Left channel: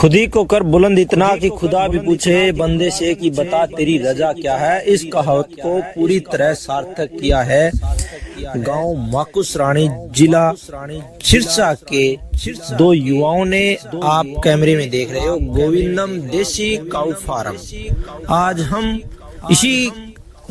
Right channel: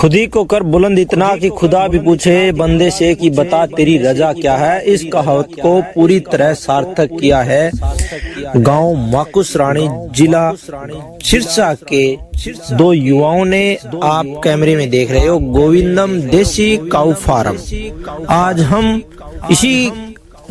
खुद ही को कर बुलंद इतना कि खुदा भी पूछे बंदे से कि बता तेरी रजा क्या है। इस कहावत को पूरी तरह सार्थक किया है गांव माकुस रानी जिला सिरसा के दो युवाओं ने। आप कैमरे में देख रहे हो गोविंदम देसी काऊ फार्म। आज हम इसी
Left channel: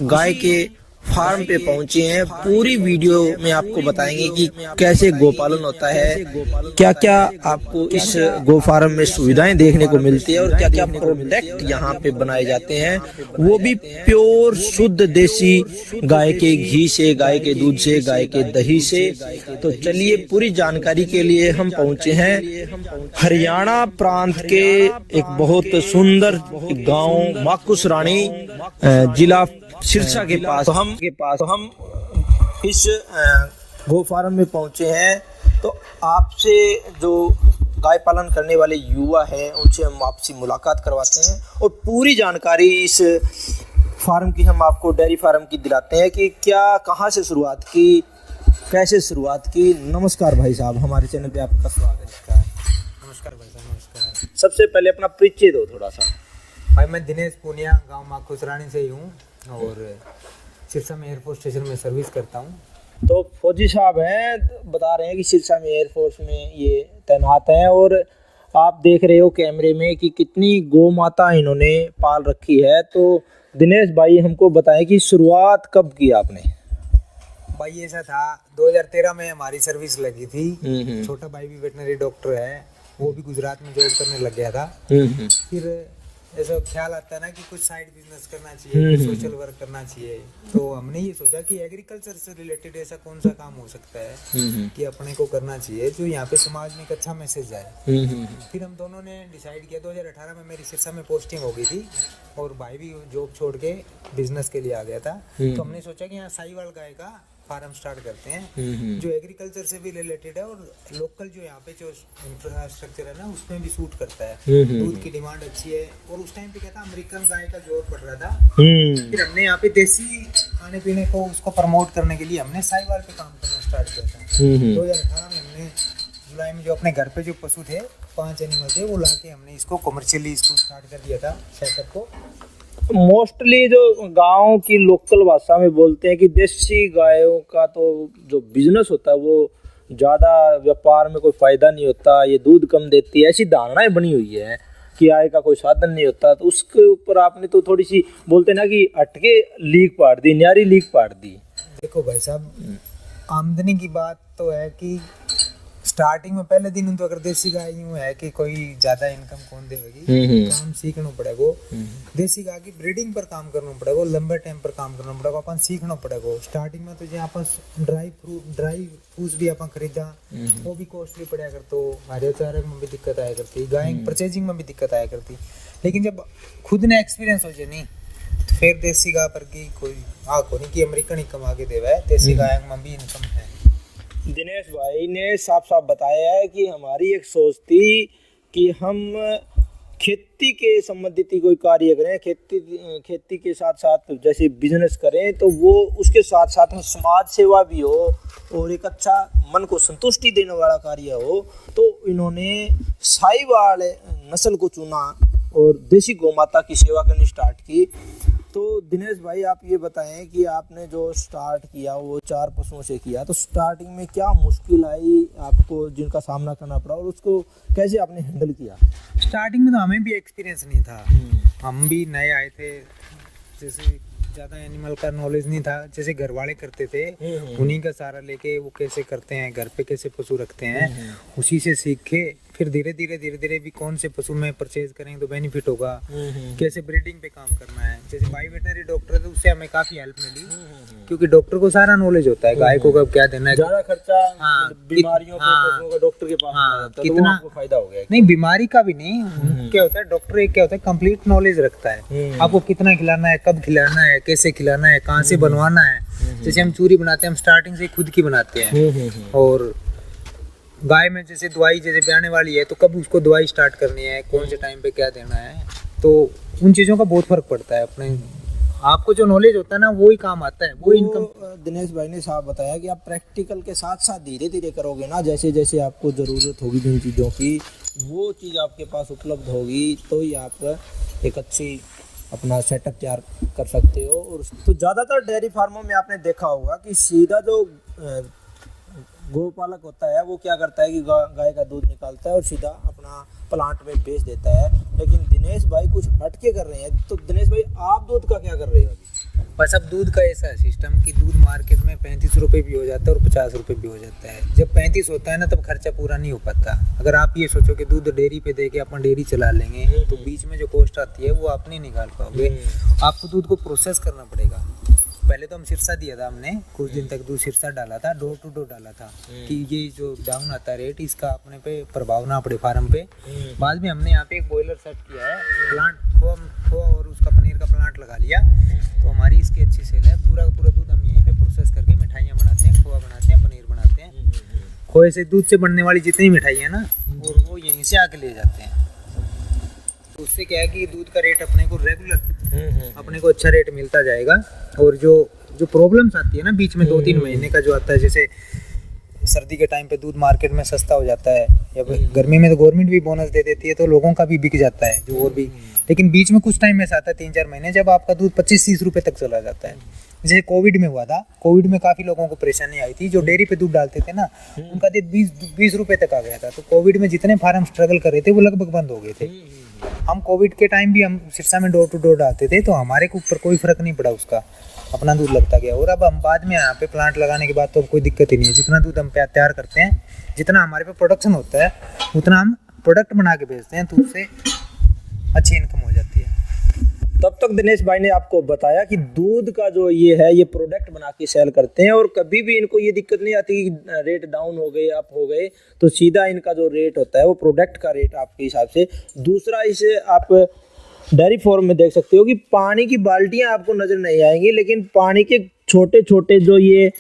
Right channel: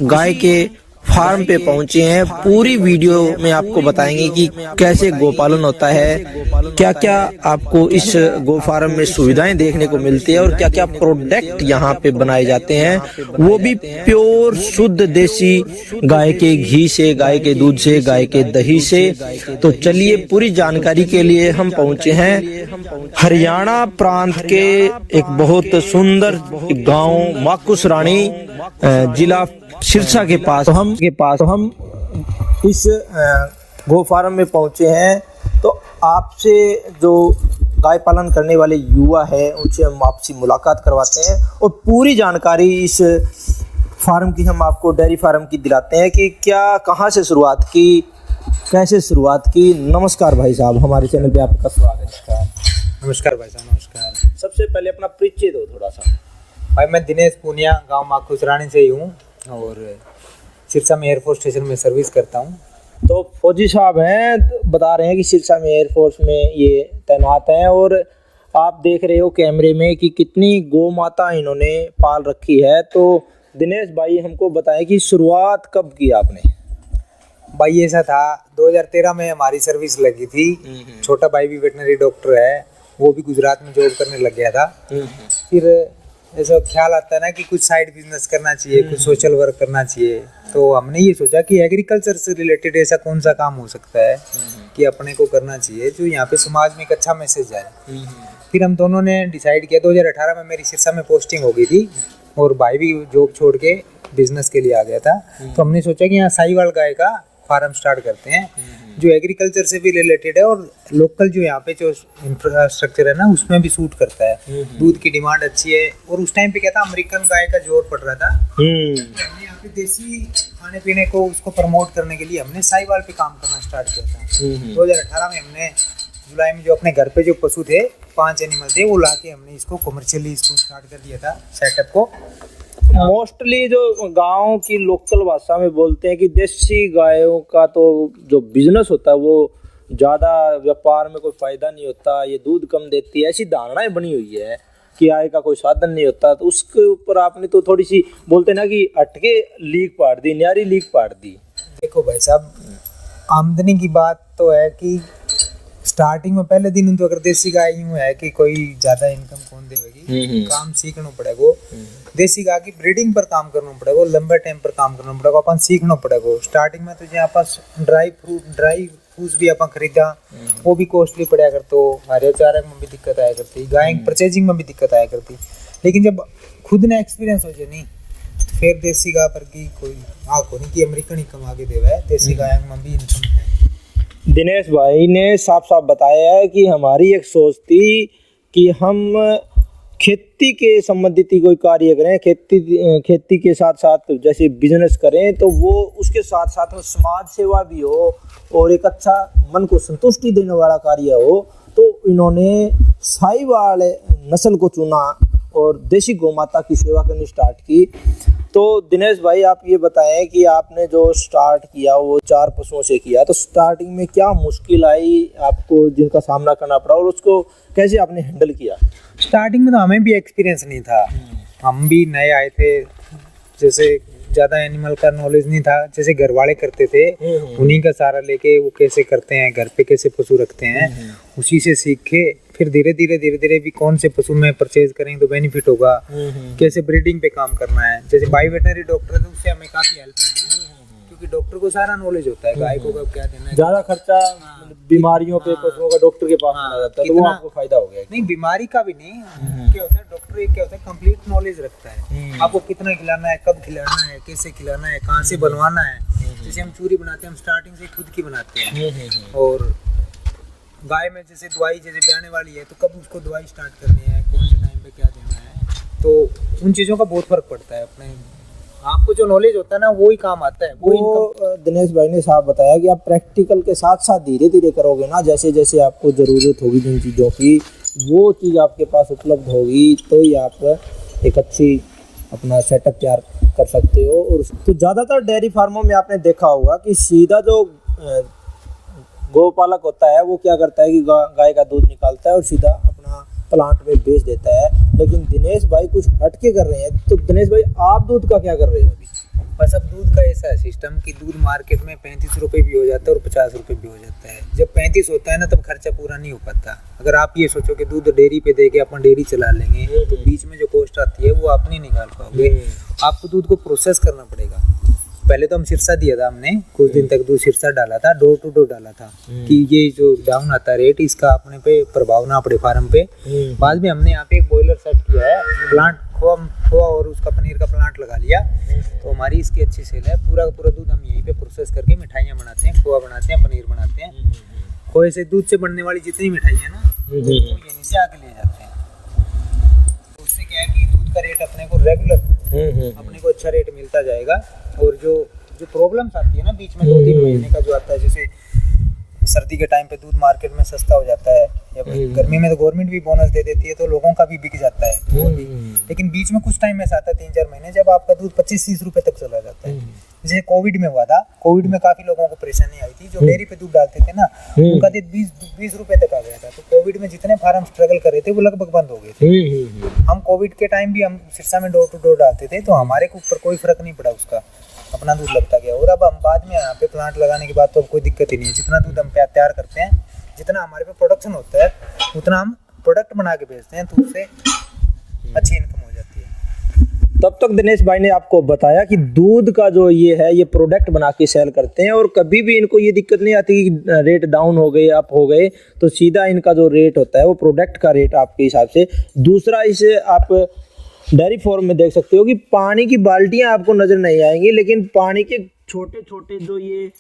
गाय के फार्म पे पहुंचे हैं। पूरी वीडियो में आपको बताएंगे कि कैसे गोपालन होता है, क्या क्या आपको इस गो फार्म में सुविधाएं देखने को मिलती है और क्या क्या प्रोडक्ट यहाँ पे बनाए जाते हैं, वो भी प्योर शुद्ध देसी गाय के घी से, गाय के दूध से, गाय के दही से। तो चलिए पूरी जानकारी के लिए हम पहुंचे हैं हरियाणा प्रांत के एक बहुत सुंदर गाँव माकुस रानी जिला सिरसा के पास हम इस गो फार्म में पहुंचे हैं। तो आपसे जो गाय पालन करने वाले युवा है उनसे हम आपसी मुलाकात करवाते हैं और पूरी जानकारी इस फार्म की हम आपको, डेयरी फार्म की दिलाते हैं कि क्या, कहां से शुरुआत की, कैसे शुरुआत की। नमस्कार भाई साहब, हमारे चैनल पे आपका स्वागत है। नमस्कार भाई साहब, नमस्कार। सबसे पहले अपना परिचय दो थोड़ा सा। भाई मैं दिनेश पूनिया गांव माकुस रानी से ही हूँ और सिरसा में एयरफोर्स स्टेशन में सर्विस करता हूँ। तो फौजी साहब हैं, बता रहे हैं कि सिरसा में एयरफोर्स में ये तैनात हैं और आप देख रहे हो कैमरे में कि कितनी गौ माता इन्होंने पाल रखी है। तो दिनेश भाई हमको बताएं कि शुरुआत कब की आपने। भाई ऐसा था 2013 में हमारी सर्विस लगी थी। छोटा भाई भी वेटनरी डॉक्टर है, वो भी गुजरात में जॉब करने लग गया था। फिर ऐसा ख्याल आता है ना कि कुछ साइड बिजनेस करना चाहिए, कुछ सोशल वर्क करना चाहिए। तो हमने ये सोचा कि एग्रीकल्चर से रिलेटेड ऐसा कौन सा काम हो सकता है कि अपने को करना चाहिए जो यहाँ पे समाज में एक अच्छा मैसेज जाए। फिर हम दोनों ने डिसाइड किया। 2018 में मेरी सिरसा में पोस्टिंग हो गई थी और भाई भी जॉब छोड़ के बिजनेस के लिए आ गया था। तो हमने सोचा कि यहाँ साहिवाल गाय का फार्म स्टार्ट करते हैं जो एग्रीकल्चर से भी रिलेटेड है और लोकल जो यहाँ पे जो इंफ्रास्ट्रक्चर है ना उसमें भी सूट करता है। दूध की डिमांड अच्छी है और उस टाइम पे क्या था, अमेरिकन गाय का जोर पड़ रहा था। फिर हमने यहाँ पे देसी खाने पीने को उसको प्रमोट करने के लिए हमने साहिवाल पे काम करना स्टार्ट किया था। 2018 में हमने जुलाई में जो अपने घर पे जो पशु थे 5 एनिमल थे वो ला के हमने इसको कमर्शियली इसको स्टार्ट कर दिया था सेटअप को। मोस्टली जो गांव की लोकल भाषा में बोलते हैं कि देसी गायों का तो जो बिजनेस होता है वो ज़्यादा व्यापार में कोई फ़ायदा नहीं होता, ये दूध कम देती है, ऐसी धारणाएं बनी हुई है कि आय का कोई साधन नहीं होता। तो उसके ऊपर आपने तो थोड़ी सी बोलते ना कि अटके लीक पाड़ दी, न्यारी लीक पाड़ दी। देखो भाई साहब, आमदनी की बात तो है कि स्टार्टिंग में पहले दिन तो अगर देसी गाय यूं है कि कोई ज्यादा इनकम कौन देगी, काम सीखना पड़ेगा। देसी गाय की ब्रीडिंग पर काम करना पड़ेगा, लंबे टाइम पर काम करना पड़ेगा, अपन सीखना पड़ेगा। स्टार्टिंग में तो जो पास ड्राई फूड्स भी अपन खरीदा वो भी कॉस्टली पड़ा कर, तो हरे चारे में भी दिक्कत आया करती, गाय परचेजिंग में भी दिक्कत आया करती। लेकिन जब खुद ने एक्सपीरियंस हो जाए नहीं तो फिर देसी गाय पर की कोई आँख नहीं कि अमेरिकन ही कमा के देवा है, देसी गाय में भी इनकम है। दिनेश भाई ने साफ साफ बताया है कि हमारी एक सोच थी कि हम खेती के संबंधित ही कोई कार्य करें, खेती के साथ साथ जैसे बिजनेस करें तो वो उसके साथ साथ में समाज सेवा भी हो और एक अच्छा मन को संतुष्टि देने वाला कार्य हो। तो इन्होंने साहिवाल नस्ल को चुना और देसी गौमाता की सेवा करनी स्टार्ट की। तो दिनेश भाई आप ये बताएं कि आपने जो स्टार्ट किया वो 4 पशुओं से किया, तो स्टार्टिंग में क्या मुश्किल आई आपको जिनका सामना करना पड़ा और उसको कैसे आपने हैंडल किया। स्टार्टिंग में तो हमें भी एक्सपीरियंस नहीं था, हम भी नए आए थे। जैसे ज़्यादा एनिमल का नॉलेज नहीं था, जैसे घर वाले करते थे उन्हीं का सहारा लेके वो कैसे करते हैं, घर पे कैसे पशु रखते हैं उसी से सीखे। फिर धीरे धीरे भी कौन से पशु में परचेज करेंगे तो बेनिफिट होगा, कैसे ब्रीडिंग पे काम करना है। जैसे बाई वेटनरी डॉक्टर है तो उससे हमें काफ़ी हेल्प मिली क्योंकि डॉक्टर को सारा नॉलेज होता है गाय को कब क्या देना है। ज़्यादा खर्चा बीमारियों पे पशुओं का डॉक्टर के पास जाता है, तो वो आपको फायदा हो गया। नहीं, बीमारी का भी नहीं, क्या होता है डॉक्टर एक क्या होता है कंप्लीट नॉलेज रखता है। आपको कितना खिलाना है, कब खिलाना है, कैसे खिलाना है, कहाँ से बनवाना है। जैसे हम चूरी बनाते हैं, हम स्टार्टिंग से खुद की बनाते हैं। और गाय में जैसे दवाई जैसे ब्याने वाली है तो कब उसको दवाई स्टार्ट करनी है, कौन से टाइम पे क्या देना है, तो उन चीज़ों का बहुत फर्क पड़ता है। अपने आपको जो नॉलेज होता है ना वो ही काम आता है। वो दिनेश भाई ने साफ बताया कि आप प्रैक्टिकल के साथ साथ धीरे धीरे करोगे ना, जैसे जैसे आपको ज़रूरत होगी जिन चीज़ों की वो चीज़ आपके पास उपलब्ध होगी तो ही आप एक अच्छी अपना सेटअप तैयार कर सकते हो। और तो ज़्यादातर डेयरी फार्मों में आपने देखा होगा कि सीधा जो गौपालक होता है वो क्या करता है कि गाय का दूध निकालता है और सीधा अपना प्लांट में बेच देता है। लेकिन दिनेश भाई कुछ हटके कर रहे हैं। तो दिनेश भाई आप दूध का क्या कर रहे हो अभी? बस अब दूध का ऐसा सिस्टम कि दूध मार्केट में 35 रुपये भी हो जाता है और 50 रुपये भी हो जाता है। जब 35 होता है ना तब खर्चा पूरा नहीं हो पाता। अगर आप ये सोचो कि दूध डेयरी पे दे के अपन डेयरी चला लेंगे तो बीच में जो कॉस्ट आती है वो आप नहीं निकाल पाओगे। आपको दूध को प्रोसेस करना पड़ेगा। पहले तो हम सिरसा दिया था, हमने कुछ दिन तक दूध सिरसा डाला था, डोर टू डोर डाला था कि ये जो डाउन आता है रेट इसका अपने पे प्रभाव ना पड़े फार्म पे। बाद में हमने यहाँ पे एक बॉयलर सेट किया है, प्लांट खोआ और उसका पनीर का प्लांट लगा लिया तो हमारी इसकी अच्छी सेल है। पूरा का पूरा दूध हम यहीं पे प्रोसेस करके मिठाइयाँ बनाते हैं, खोआ बनाते हैं, पनीर बनाते हैं। खोए से दूध से बनने वाली जितनी मिठाई है ना वो यहीं से आके ले जाते हैं। उससे क्या है कि दूध का रेट अपने को रेगुलर अपने को अच्छा रेट मिलता जाएगा। और जो प्रॉब्लम्स आती है ना बीच में 2-3 महीने का जो आता है, जैसे सर्दी के टाइम पे दूध मार्केट में सस्ता हो जाता है या गर्मी में तो गवर्नमेंट भी बोनस दे देती है तो लोगों का भी बिक जाता है जो और भी। लेकिन बीच में कुछ टाइम ऐसा आता है 3-4 महीने जब आपका दूध 25-30 रुपए तक चला जाता है। जैसे कोविड में हुआ था, कोविड में काफी लोगों को परेशानी आई थी। जो डेयरी पे दूध डालते थे ना उनका दूध 20 रुपए तक आ गया था। तो कोविड में जितने फार्म स्ट्रगल कर रहे थे वो लगभग बंद हो गए थे। हम कोविड के टाइम भी हम सिरसा में डोर टू डोर डालते थे तो हमारे ऊपर कोई फर्क नहीं पड़ा, उसका अपना दूध लगता गया। और अब हम बाद में यहाँ पे प्लांट लगाने के बाद तो अब कोई दिक्कत ही नहीं है। जितना दूध हम तैयार करते हैं, जितना हमारे पे प्रोडक्शन होता है उतना हम प्रोडक्ट बना के बेचते हैं तो उससे अच्छी इनकम हो जाती है। तब तक दिनेश भाई ने आपको बताया कि दूध का जो ये प्रोडक्ट बना के सेल करते हैं और कभी भी इनको ये दिक्कत नहीं आती कि रेट डाउन हो गए अप हो गए, तो सीधा इनका जो रेट होता है वो प्रोडक्ट का रेट आपके हिसाब से। दूसरा, इसे आप डेयरी फार्म में देख सकते हो कि पानी की बाल्टियां आपको नज़र नहीं आएंगी, लेकिन पानी के छोटे छोटे जो ये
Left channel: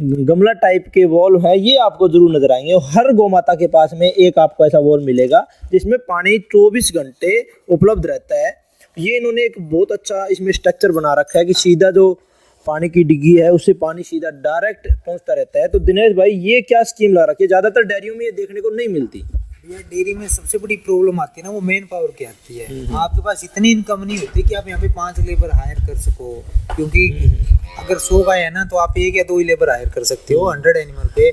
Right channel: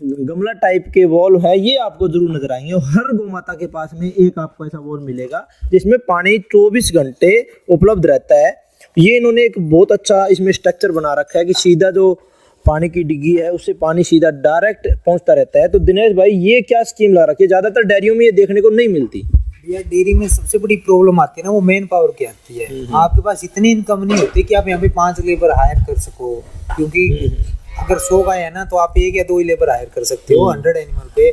गमला टाइप के वॉल है ये आपको जरूर नजर आएंगे। और हर गौ माता के पास में एक आपको ऐसा वॉल मिलेगा जिसमें पानी 24 घंटे उपलब्ध रहता है। ये इन्होंने एक बहुत अच्छा इसमें स्ट्रक्चर बना रखा है कि सीधा जो पानी की डिग्गी है उससे पानी सीधा डायरेक्ट पहुंचता रहता है। तो दिनेश भाई ये क्या स्कीम ला रखी है? ज़्यादातर डेयरियों में ये देखने को नहीं मिलती। भैया डेयरी में सबसे बड़ी प्रॉब्लम आती है ना वो मेन पावर की आती है। आपके पास इतनी इनकम नहीं होती कि आप यहाँ पे 5 लेबर हायर कर सको, क्योंकि अगर 100 गाय है ना तो आप 1 या 2 ही लेबर हायर कर सकते हो 100 एनिमल पे।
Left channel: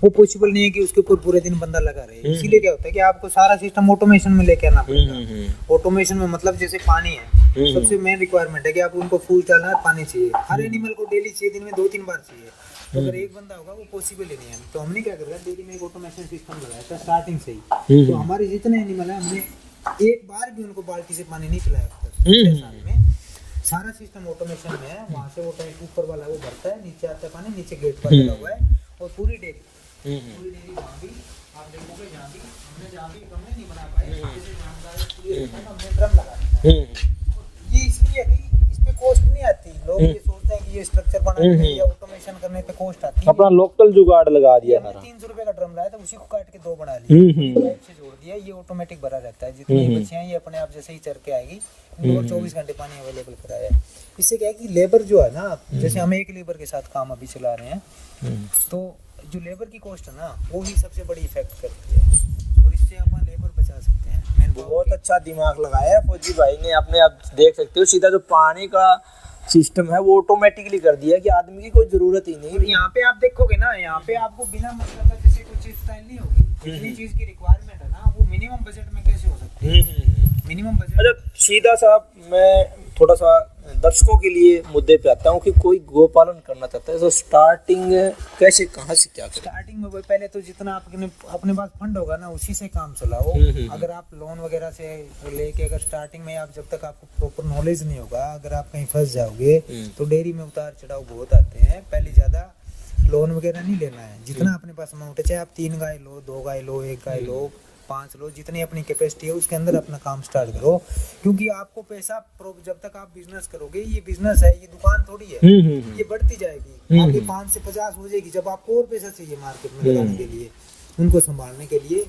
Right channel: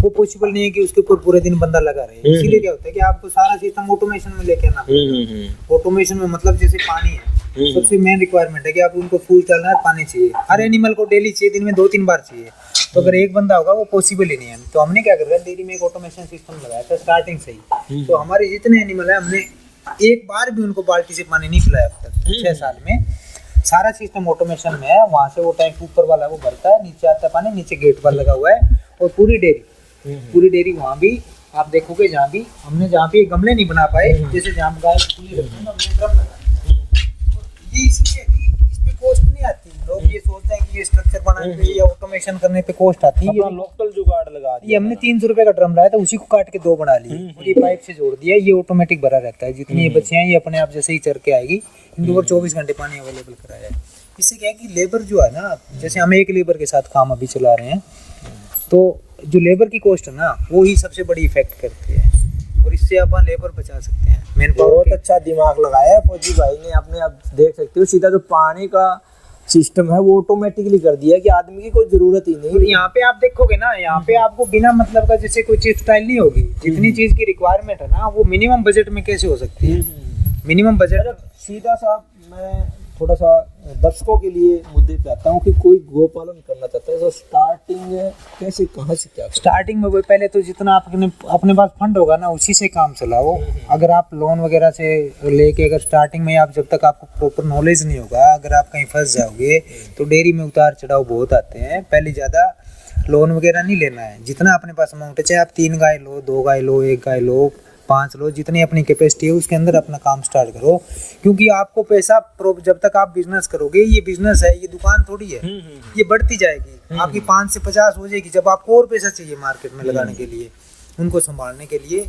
वो पॉसिबल नहीं है कि उसके ऊपर पूरे दिन बंदा लगा रहे। इसीलिए क्या होता है कि आपको सारा सिस्टम ऑटोमेशन में लेके आना पड़ेगा। ऑटोमेशन में मतलब जैसे पानी है, सबसे मेन रिक्वायरमेंट है कि आप उनको फूल डालना है, पानी चाहिए हर एनिमल को डेली चाहिए, दिन में 2-3 बार चाहिए। तो अगर एक बंदा होगा वो पॉसिबल ही नहीं है। तो हमने क्या कर रहा है, डेयरी में एक ऑटोमेशन सिस्टम लगाया था स्टार्टिंग से ही। तो हमारे जितने एनिमल है हमने एक बार भी उनको बाल्टी से पानी नहीं पिलाया अब तक 6 साल में। सारा सिस्टम ऑटोमेशन में है। वहाँ से वो टैंक ऊपर वाला वो भरता है, नीचे आता है पानी, नीचे गेट पर लगा हुआ है। और पूरी डेयरी वहाँ भी आप देखोगे जहाँ भी हमने जहाँ भी गमले नहीं बना पाए, जैसे जहाँ गाय ड्रम लगा, ये इसलिए इस पे कॉस्ट नहीं आती। लोग ये सोचते हैं कि ये स्ट्रक्चर बनाने पे या ऑटोमेशन करने पे कॉस्ट आती है। अपना लोकल जुगाड़ लगा दिया। ये हमने 300 रुपए का ड्रम लाया था, उसी को काट के 2 बना ली, ये पाइप से जोड़ दिया। ये ऑटोमेटिक भरा रहता है, जितनी ये बच्चे हैं ये अपने आप जैसे ही चर के आएगी। इनको 24 घंटे पानी अवेलेबल कराया है। इससे क्या है कि लेबर जो है ना, जैसे हम एक लेबर के साथ काम अभी चला रहे हैं, तो जो लेबर की कॉस्ट है ना वो ही सबसे बड़ी इफेक्ट करती है और इससे अपन लेबर बचा सकते हैं। मेन बहुत अच्छा दिमाग लगाया है फौजी भाई ने। अपने आप देख सकते हो सीधा जो पानी का सिस्टम है वो ऑटोमेटिकली कर दिया कि आदमी की कोई जरूरत ही नहीं। और यहाँ पे आप देखोगे ना, यहाँ पे आपको बिना मतलब का जैसे कोई चीज स्टाइल नहीं होगी। जितनी चीज की रिक्वायरमेंट है ना वो मिनिमम बजट में कैसे हो सकती है। मिनिमम बजट सीधा सा मैं थोड़ा सा दर्शकों के लिए मुद्दे पे आता हूँ कि कोई गोपालन करना चाहता है तो स्टार्टिंग कैसे, कहाँ से क्या? स्टार्टिंग में पहले तो जितना आपने अपने पास फंड होगा ना उसी से काम चलाओ। अगर आप लोन वगैरह से लेके अगर स्टार्टिंग में आप जब तक आपको प्रॉपर नॉलेज नहीं होगा, अगर आप कहीं फंस जाओगे तो डेयरी में उतार चढ़ाव बहुत आते हैं। पहले ज़्यादा लोन वगैरह नहीं लेना है। जितना अपने पास अमाउंट है, चाहे आप 3 गाय लो, 2 गाय लो, 1 गाय लो, 5 लो, जितनी अपनी कैपेसिटी है उसके अंदर अपना काम स्टार्ट करो। क्योंकि आपको पैसा जब तक आप बिजनेस करोगे, ये बिजनेस है, ये दुकान थोड़ी है, ये बढ़ती जाएगी। आपकी 5 से 50 हो जाएगी। जब आपको और पैसा चाहिए मार्केट में लगाने के लिए, उनको संभालने के लिए,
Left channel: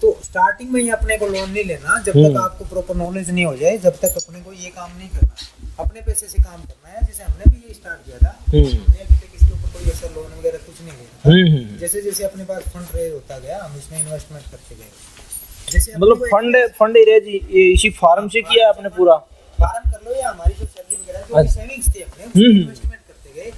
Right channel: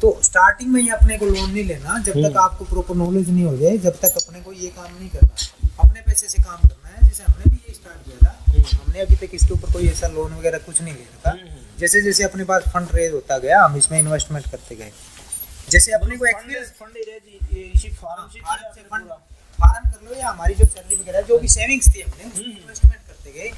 तो स्टार्टिंग में ही अपने को लोन नहीं लेना जब तक आपको प्रॉपर नॉलेज नहीं हो जाए। जब तक अपने को ये काम नहीं करना, अपने पैसे से काम करना है। जैसे हमने भी ये स्टार्ट किया था, हमने अभी तक इसके ऊपर कोई ऐसा लोन वगैरह कुछ नहीं लिया था। जैसे जैसे अपने पास फंड रेज होता गया हम इसमें इन्वेस्टमेंट करते गए। जैसे मतलब फंड एरिया जी ये इसी फार्म से किया आपने पूरा? फार्म कर लो या हमारी जो सैलरी वगैरह जो भी सेविंग्स थी अपने उसमें इन्वेस्टमेंट करते गए,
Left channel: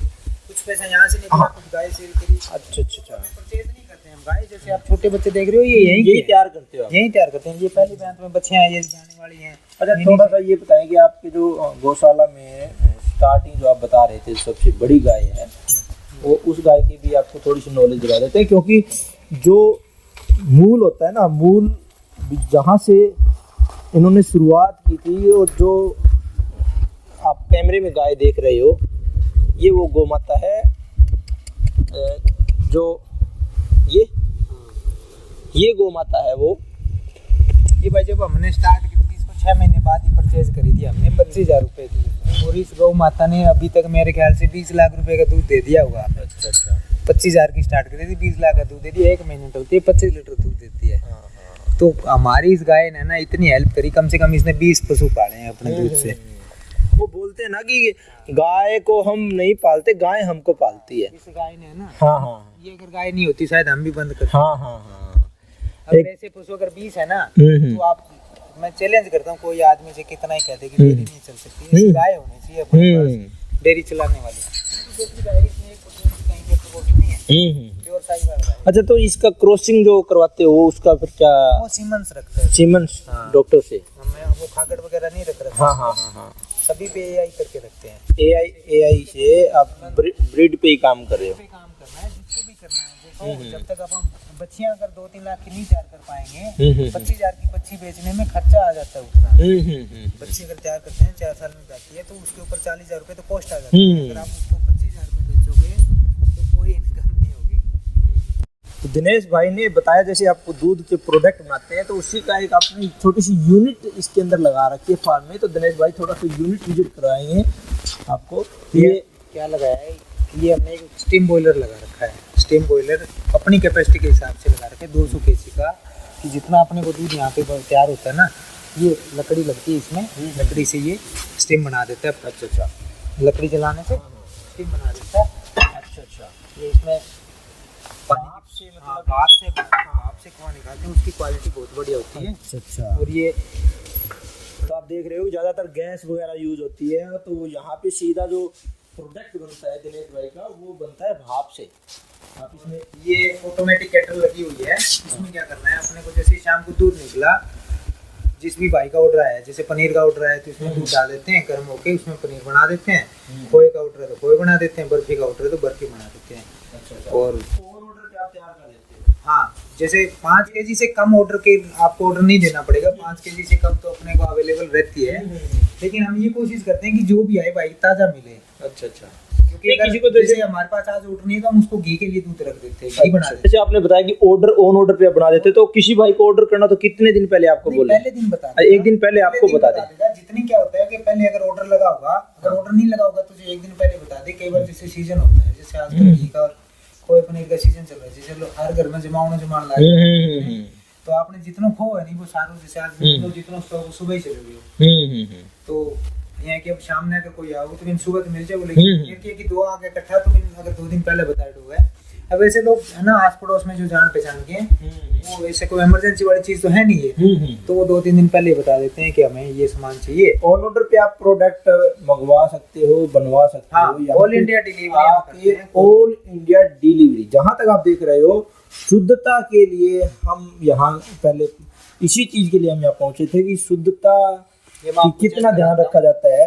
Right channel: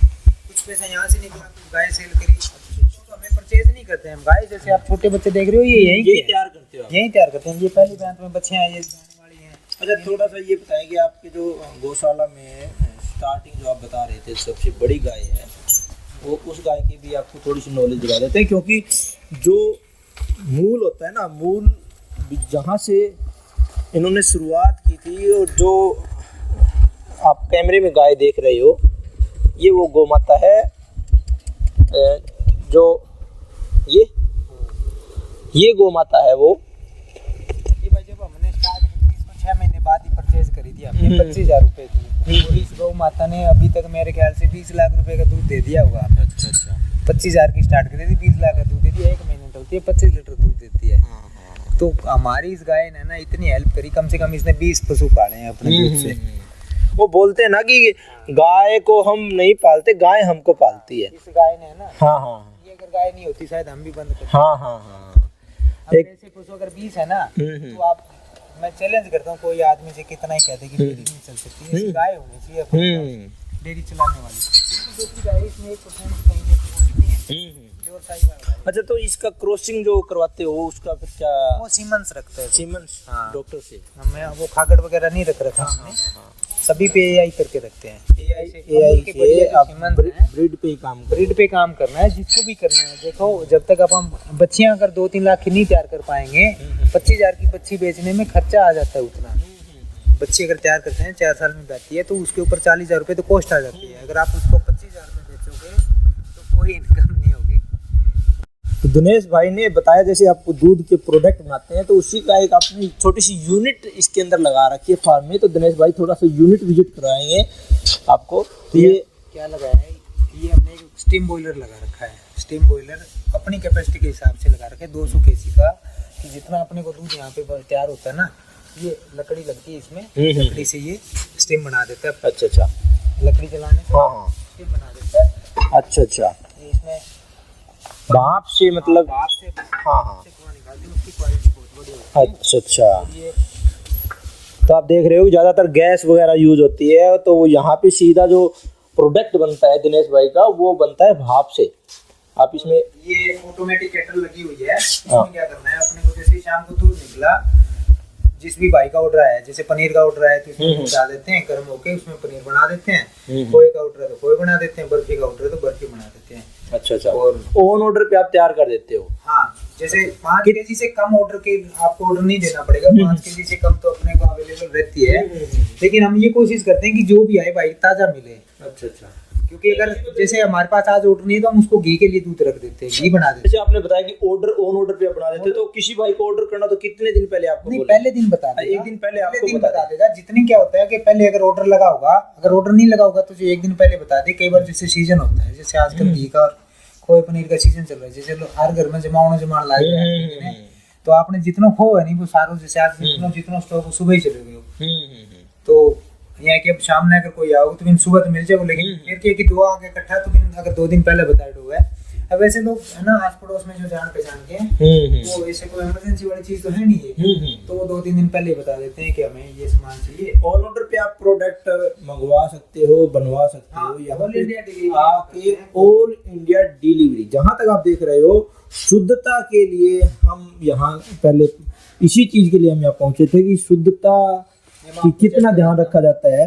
कुछ पैसा यहाँ से निकला, कुछ गाय सेल करी। अच्छा, हमें परचेज नहीं करते हैं हम गाय। जैसे आप छोटे बच्चे देख रहे हो, ये यही तैयार करते हो? यही तैयार करते हैं। ये पहली बैंत में बच्चे हैं, ये जाने वाली हैं। अच्छा, थोड़ा सा ये बताएं कि आपके जो गौशाला में स्टार्टिंग जो आप बता रहे थे सबसे बड़ी गाय है, वो उस गाय की भी आपको थोड़ी सी नॉलेज दिला देते हैं, क्योंकि जो मूल होता है ना, मूल जहाँ से इन्होंने शुरुआत की थी और जो आप कैमरे में गाय देख रहे हो, ये वो गौ माता है जो ये गौ माता है वो। ये भाई जब हमने स्टार्ट की थी इसको 6 महीने बाद ही परचेज करी थी हमने, 25,000 रुपये की। और इस गौ माता ने अभी तक मेरे ख्याल से 20 लाख रुपए का दूध दे दिया होगा। अच्छा, 25,000 की स्टार्ट करी थी, 20 लाख का दूध दे दिया। 1 महीने होती है 25 लीटर दूध देती है। तो हमारी इस गाय ने ना इतनी हेल्प करी, कम से कम इसने 20 पशु पाले हैं अपने दूध से। वो बोलते हैं ना कि गाय को हम नहीं पालते, गाय हमको पालती है। इस गाय ने ना, हाँ, ये अगर गाय नहीं होती शायद हम भी बंद करते। हाँ। अब ऐसे पशु अगर 20 है ना, तो आप, मैं चैलेंज करता हूँ कोई आदमी से, कितना ही कहते कि डेयरी नहीं चल सकती, गाय होनी चाहिए अपने पास डेयरी चलाने वाली। दूसरी गाय इसमें 1% कहीं नहीं है, प्योर साहिवाल गाय। अच्छा, तो इसका क्रॉसिंग जो करवाते हो उसका फिर क्या? वो सीमेंस रखते हैं, सीमेंस डॉक्टर से। हमें वो खागड़ वगैरह नहीं रख रखा। हाँ। सभी पे एआई करके रखते हैं। एआई से आप ब्रीड पे ही काम कर, ब्रीड पे काम करना है, जिसको भी करना है। देखो, जब तक अब हम बच्चियां अगर 2-3 लाख की नहीं तैयार कर पाएंगे, 25,000 की बच्ची बेचने में खर्चा आ जाता है उतना। बच्ची अगर तैयार करते हैं 4 साल में बैठती है, तो उसके ऊपर 40,000 रुपये तो कॉस्ट आ जाती है। अगर आप उसको 25,000 में बेचोगे तो कोई इनकम नहीं होगी। तो दिनेश भाई ने बताया जैसे आपको दूध के प्रोडक्ट बनाते हैं, तो उसी का एक आपने छोटी सी यूनिट इसके अंदर लगा रखी है फार्म में। तो दिनेश भाई थोड़ा सा यूनिट विजिट कराएंगे आपको। तो ये क्या लगाया है? ये हमने एक स्टीम बॉयलर लगा रखा है। स्टीम बॉयलर अपनी कैपेसिटी के हिसाब से लगा रखा है, 200 kg का, कि जितना अपने को दूध यहाँ पे तैयार होता है ना, ये लकड़ी लगती है इसमें, लकड़ी से ये स्टीम बना देता है। अच्छा, लकड़ी जलाने से स्टीम बना देता है। अच्छा, ये इसमें भाप से, मतलब भाप से कुआं निकालते हैं, उसकी क्वालिटी बहुत बढ़िया होती है। अच्छा। और ये तो आप देख रहे हो ज़्यादातर गैस वगैरह यूज होती है, तो वो यहाँ पे सीधा जो प्रोडक्ट बनता है दिनेश भाई का, वो बनता है भाप से। आप इसमें ये ऑटोमेटिक केटल लगी हुई है। इसमें क्या करना है, अपने को जैसे शाम को दूध निकला, जिस भी भाई का ऑर्डर आया है, जैसे पनीर का ऑर्डर आया तो इसमें दूध डाल देते हैं, गर्म होके उसमें पनीर बना देते हैं। खोए का ऑर्डर है तो खोए बना देते हैं, बर्फी का ऑर्डर है तो बर्फी बना देते हैं। अच्छा। और ऑन ऑर्डर पे आप तैयार कर देते हो? हाँ, जैसे 5 kg से कम ऑर्डर के आपको ऑर्डर नहीं देना पड़ेगा। 5 kg से कम तो अपने को अवेलेबल रहती है, लेकिन हम ये कोशिश करते हैं कि जो भी आए भाई ताजा मिले। अच्छा। क्योंकि अगर जैसे हमारे पास आज ऑर्डर नहीं है तो हम उसको घी के लिए दूध रख देते हैं, घी बना देते हैं। जैसे आपने बताया कि ऑर्डर ऑन ऑर्डर पे बना देते, तो किसी भाई को ऑर्डर करना तो कितने दिन पहले आपको बोले? पहले दिन बता देगा, एक दिन पहले आपको बता देगा। जितनी क्या होता है कि पहले अगर ऑर्डर लगा होगा, अगर ऑर्डर नहीं लगा होगा तो जो एक दिन पहले बता दे। कई बार जैसे सीजन होता है, जैसे आजकल घी का और खोए पनीर का सीजन चल रहा है, जैसे हर घर में जमाना लाए, तो आपने जितना खो है नहीं वो सारों, जैसे आज जितना स्टॉक सुबह ही चले गए, तो यहाँ कि अब शाम में अगर कोई आओगे तो फिर सुबह तो मिल जाए, लेकिन कि 2 आगे इकट्ठा तो फिर अगर 2 दिन पहले बताए हुआ है। अब ऐसे लोग है ना आस पड़ोस में जो जान पहचान के हैं, वो ऐसे कोई इमरजेंसी वाली चीज तो है नहीं है, तो वो 2-3 दिन पहले बता देते हैं कि हमें ये सामान चाहिए। ऑन ऑर्डर पे आप प्रोडक्ट मंगवा सकते हो, बनवा सकते हो। All India delivery, all India delivery. जहाँ तक आप देख रहे हो, शुद्धता के लिए हम यहाँ पहले इसी चीज के लिए हम यहाँ पहुंचे थे कि शुद्धता कि कितना ध्यान रखा जाता है।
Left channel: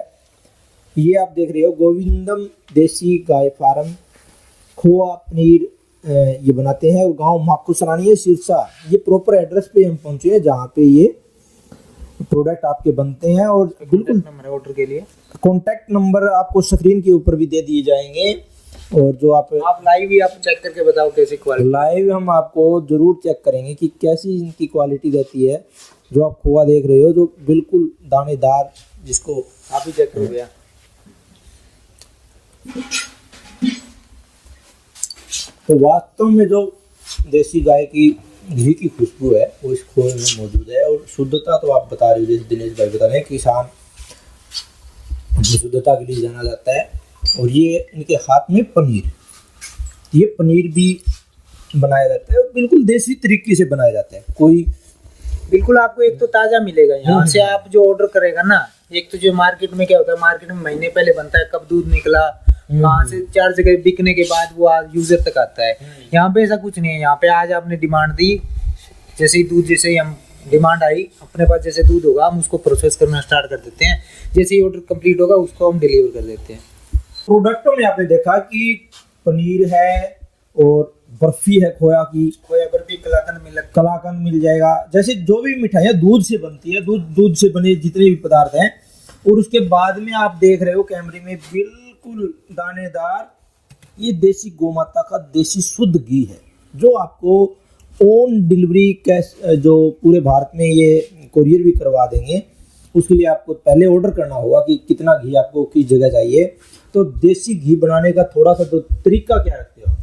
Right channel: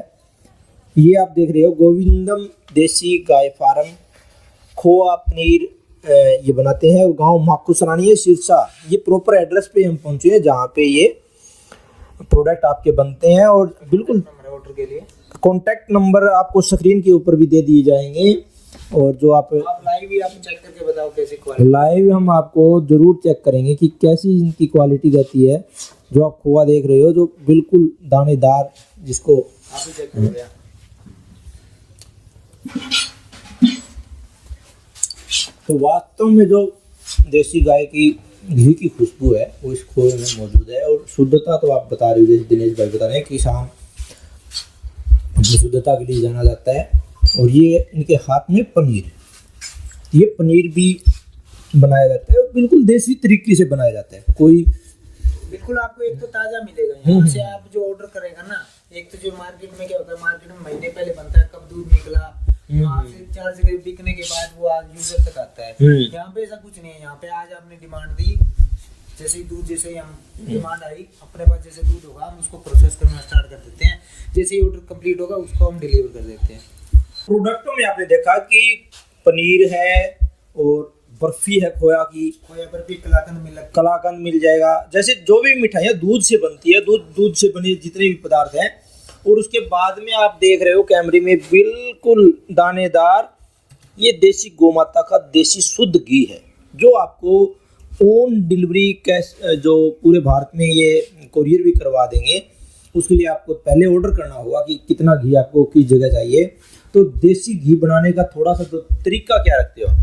ये आप देख रहे हो गोविंदम देसी गाय फार्म, खोआ पनीर ये बनाते हैं, और गांव माकुसरानी है सिरसा। ये प्रॉपर एड्रेस पे हम पहुंचे हैं जहाँ पे ये प्रोडक्ट आपके बनते हैं। और बिल्कुल ऑर्डर के लिए कॉन्टैक्ट नंबर आपको स्क्रीन के ऊपर भी दे दिए जाएंगे। और जो आप लाइव भी आप चेक करके बताओ कैसी क्वालिटी। लाइव हम आपको जरूर चेक करेंगे कि कैसी इनकी क्वालिटी रहती है। जो आप खोआ देख रहे हो, जो बिल्कुल दानेदार, जिसको आप भी चेक करो भैया। तो वास्तव में जो देसी गाय की घी की खुशबू है वो इस खोए में मौजूद है। और शुद्धता तो आप बता रहे हो, जैसे दिनेश भाई बता रहे हैं, किसान शुद्धता के लिए जाना जाता है। और ये इनके हाथ में पनीर, ये पनीर भी बनाया जाता है, बिल्कुल देसी तरीके से बनाया जाता है। कोई बिल्कुल आपको एक तो ताजा मिलेगा यहाँ से। आप जो ऑर्डर करेगा ना, एक तो जो मार्केट में क्या होता है, मार्केट में महीने पहले बनता है कब दूध निकला, वहाँ से 4 जगह बिकने के बाद वो आज यूजर तक आता है। यहाँ पे ऐसा कुछ नहीं है। यहाँ पे आज आपने डिमांड दी, जैसे ही दूध, जैसे ही हम डिमांड आई अपने पास, जैसे दूध होगा हम उसको प्रोसेस करना स्टार्ट कर देते हैं। जैसे ही ऑर्डर कंप्लीट होगा उसको हम डिलीवर कर देते हैं। प्रोडक्टों में आपने देखा कि पनीर है और बर्फी है, खोया बर्फी, कलाकंद मिल जाएगा। जैसे जो भी मिठाइयाँ दूध से बनती है, दूध से बने जितने भी पदार्थ हैं। और उसके बाद में आप देख रहे हो कैमरे में बिल्कुल दानेदार, ये देसी गोमाता का देसी शुद्ध घी है, जो आपको ऑन डिलीवरी कैश जो पूरे भारत में ये कोरियर भी करवा देंगे। उसके लिए आपको पहले ऑर्डर करना होगा कि कितना घी आपको किस जगह चाहिए। तो देसी घी बनाने का थोड़ा सा तो तरीका क्या रखते हो?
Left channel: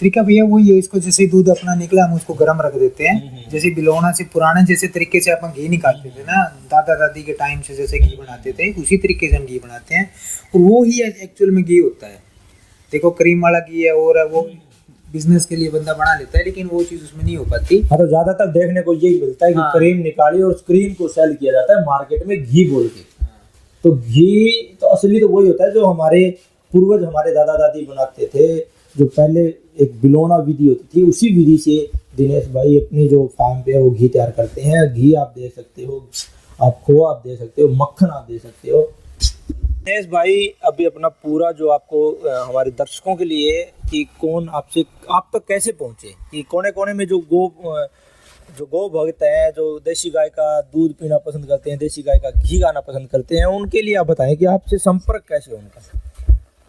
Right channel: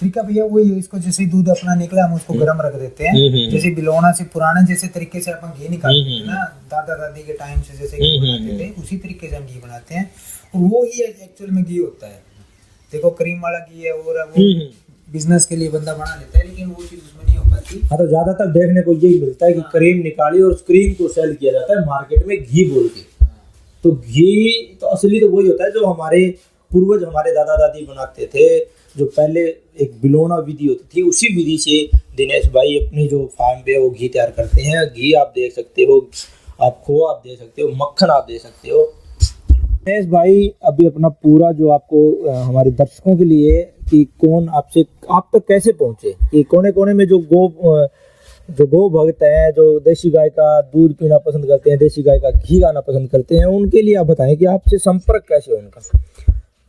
तरीका भैया वही है, इसको जैसे दूध अपना निकला हम उसको गर्म रख देते हैं। जैसे बिलौना से पुराने जैसे तरीके से अपन घी निकालते थे ना, दादा दादी के टाइम से जैसे घी बनाते थे, उसी तरीके से हम घी बनाते हैं। और वो ही एक्चुअल में घी होता है। देखो क्रीम वाला घी है और वो बिजनेस के लिए बंदा बना लेता है, लेकिन वो चीज उसमें नहीं हो पाती। हाँ, तो ज्यादातर देखने को यही मिलता है कि क्रीम निकाली और उस क्रीम को सेल किया जाता है मार्केट में घी बोल के। तो घी तो असली तो वही होता है जो हमारे पूर्वज, हमारे दादा दादी बनाते थे, जो पहले एक बिलौना विधि होती थी, उसी विधि से दिनेश भाई अपनी जो फार्म पे वो घी तैयार करते हैं। घी आप देख सकते हो, आप खोआ आप दे सकते हो, मक्खन आप दे सकते हो। दिनेश भाई अभी अपना पूरा जो आपको हमारे दर्शकों के लिए कि कौन आपसे आप तक कैसे पहुंचे, कि कोने कोने में जो गो भक्त हैं, जो देसी गाय का दूध पीना पसंद करते हैं, देसी गाय का घी खाना पसंद करते हैं, उनके लिए आप बताएं कि आपसे संपर्क कैसे हो उनका?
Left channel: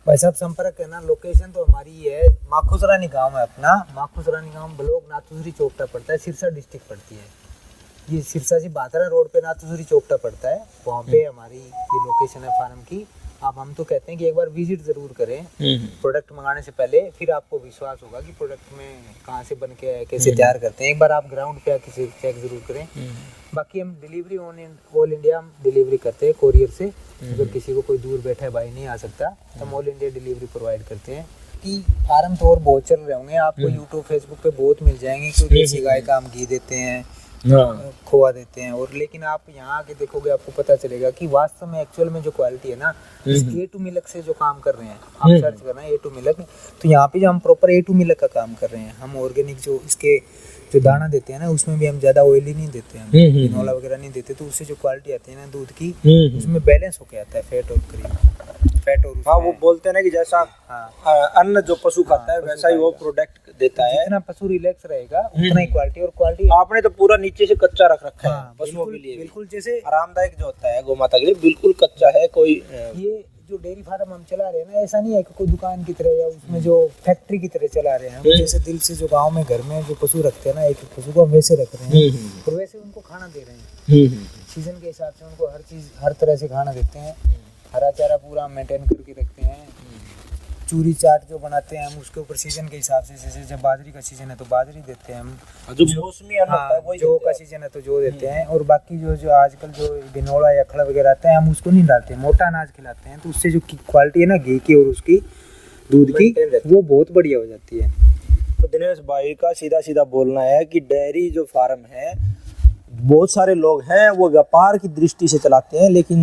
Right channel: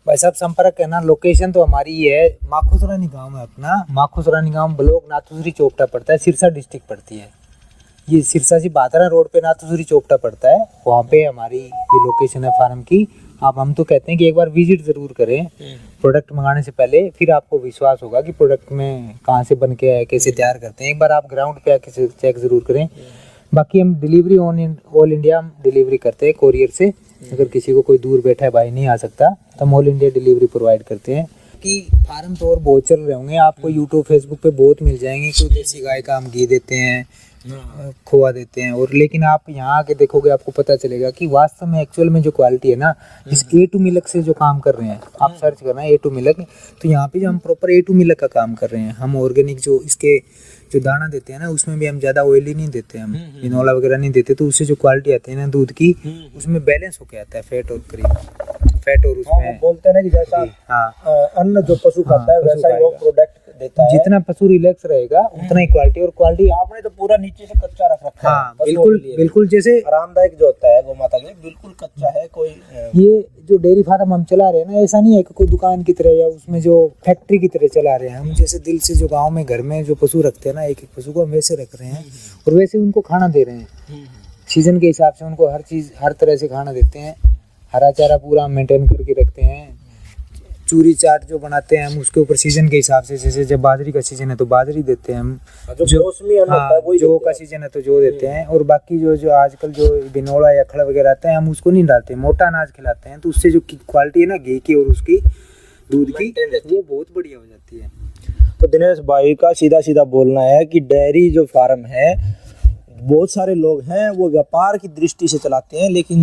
भाई साहब संपर्क है ना, लोकेशन तो हमारी ही है, माखुसरानी गांव है अपना। माखुसरानी गांव ब्लॉक नाथुसरी चोपटा पड़ता है, सिरसा डिस्ट्रिक्ट पड़ती है। ये सिरसा से बादरा रोड पे नाथुसरी चोपटा पड़ता है, वहाँ पे हमारी ये लोकेशन है फार्म की। आप हम तो कहते हैं कि एक बार विजिट जरूर करें प्रोडक्ट मंगाने से पहले, फिर आपको विश्वास होगा कि प्रोडक्ट में कहाँ से बन के आए, कैसे तैयार करते हैं। एक बार आप ग्राउंड पे आके चेक जरूर करें। बाकी हम डिलीवरी ऑल इंडिया हम डिलीवरी करते हैं कोरियर से। अगर किसी को कोई दूर बैठा है भाई नहीं आ सकता तो हम ऑल इंडिया डिलीवरी प्रोवाइड करते हैं। कि फार्म तो और बहुत चल रहे होंगे, आपको यूट्यूब फेसबुक पे बहुत मिल जाएंगे, क्योंकि देसी गाय का हम घी देते हैं, खोआ देते हैं। और लेकिन आप यहाँ आके देखोगे आपको पता चलेगा कि वास्तव में एक्चुअल में जो क्वालिटी है ना, इस A2 मिल्क से जो काम कर रहे हैं, आप सर्च करना A2 मिल्क, तो यहाँ पे जो हम प्रॉपर A2 मिल्क का काम कर रहे हैं। हम ऑर्गेनिक जो इसके जो दाना देते हैं ना, उसमें भी हम ज्यादा ऑयली नहीं देते, हम बिनोला वगैरह नहीं देते, तो उससे जो क्वालिटी आती है ना दूध की, उसमें बैलेंस होके आता है फैट और क्रीम, फैट और हाँ, वो बोलते हैं ना कि जैसा अन्न जो पशु खाता है वैसा ही वो प्रोडक्ट देता है। जितना पशु रिलैक्स रहेगा उतना ही क्वालिटी। और क्वालिटी आपने तो पूरा नीचे से कच्चा रख रखा है। हाँ, बिल्कुल जैसे आरामदायक जो होता है गोमाता के लिए, बिल्कुल कच्चा है। कोई ये जो डेयरी फार्म हम चला रहे हैं ना, ऐसा नहीं है कि कोई दुकान की तरह या उसमें जो फैक्ट्री की तरह चला रहे हैं हम। जैसे दिल से जो गांव में घर में जो पशु रखते हैं ना, एक एक पशु को हम वैसे रख रहे हैं और वैसे उनको खाना दे रहे हैं। सीजन के हिसाब से उनको हर चीज हर तरह से खाना देते हैं। हरा चारा पूरा मेंटेन करके रखते हैं। चूरी चाट जो बनाते हैं हम उसके ऊपर सीजन के हिसाब से, जैसे जब बाजरी का सीजन है तो बाजरी देते हैं हम, जो मौसमी अन्न होता है वही जो का सीजन है तो जो देते हैं। और बाकी जो आजकल जो बिनोला या खड़ा वगैरह आता है हम उसको नहीं डालते, मोटा अनाज खिलाते हैं। तो उससे जो क्वालिटी है ना घी की और उसकी दूध की, वो बहुत बढ़िया हो जाती है। तो दिनेश भाई का सीधा सीधा बोलना है कि डेयरी जो फार्म है, बहुत सारे लोग हैं वो व्यापार की दृष्टि से चलाते हैं, लेकिन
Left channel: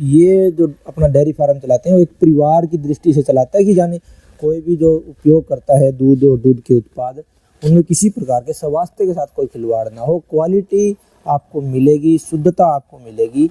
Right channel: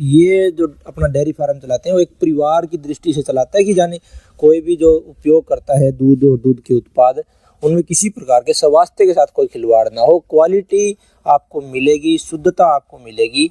ये जो अपना डेयरी फार्म चलाते हैं वो एक परिवार की दृष्टि से चलाता है कि जाने कोई भी जो उपयोग करता है दूध और दूध के उत्पाद, उनमें किसी प्रकार के स्वास्थ्य के साथ कोई खिलवाड़ ना हो। क्वालिटी आपको मिलेगी, शुद्धता आपको मिलेगी।